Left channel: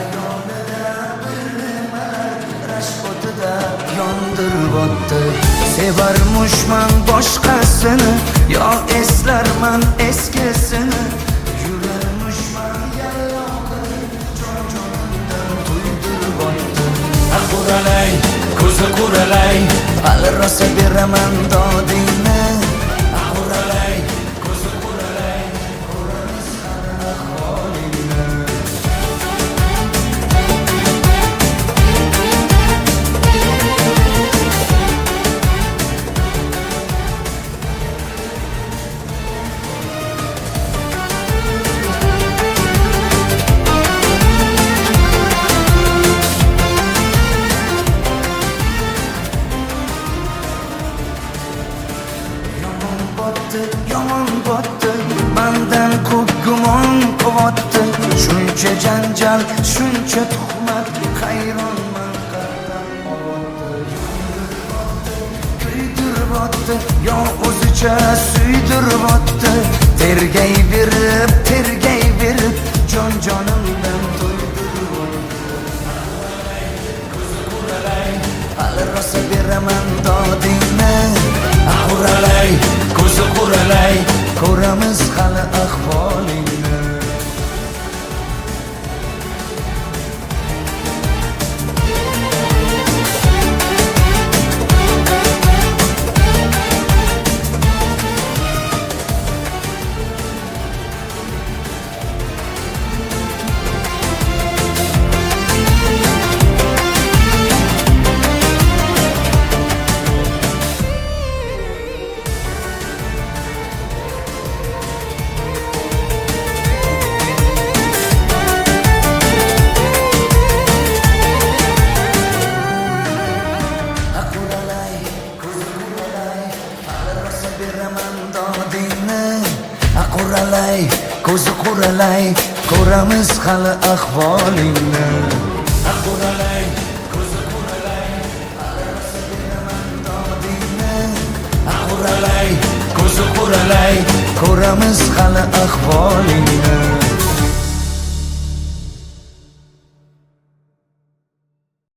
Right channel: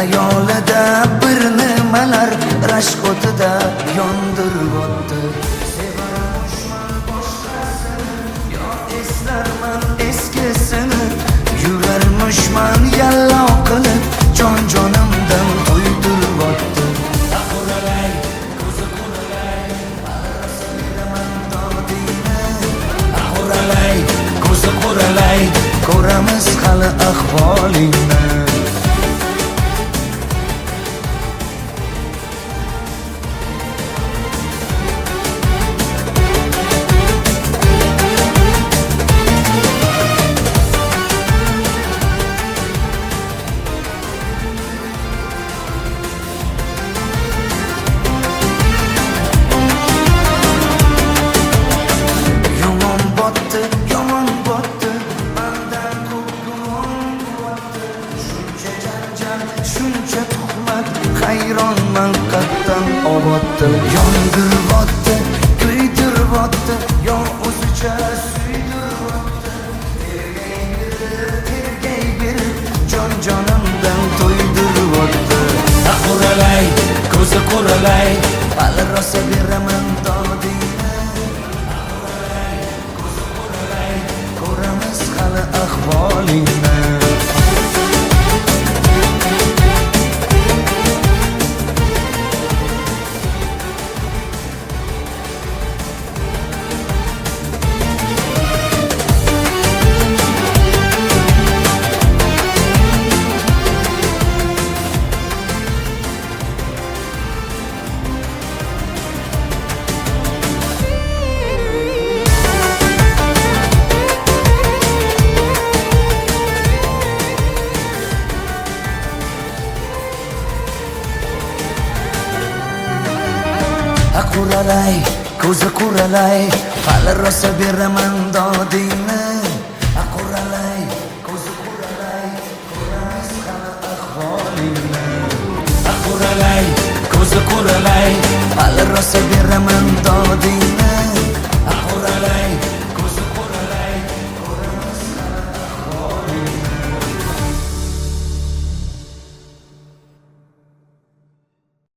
Xayolida bir nimalar rashk o'tida yondirib o'tdi. Sevarmushman boshqasini, yo eslarman eskisini. Yurarmushman yallo qilib, jonimdan to'ydirib o'tdi. Quralay, ko'zi quralay, hali rosa beraman dodingni. Quralay, ko'zi quralay, ko'ramiz hali ahvolingni. Yomon botdi, mendan ko'p gumon quvotdi. Shuncha janjal, shuncha tuhmat, hayronman qatdan oboddi. Yondirib o'tdi, kuydirib o'tdi, yo o'zicha suydirib o'tdi. Tergay berib, jonimdan to'ydirib o'tdi. Quralay, ko'zi quralay, hali rosa beraman dodingni. Quralay, ko'zi quralay, ko'ramiz hali ahvolingni. Quralay, ko'zi quralay, hali rosa beraman dodingni. Quralay, ko'zi quralay, ko'ramiz hali ahvolingni. Quralay, ko'zi quralay, hali rosa beraman dodingni. Quralay, ko'zi quralay, ko'ramiz hali ahvolingni.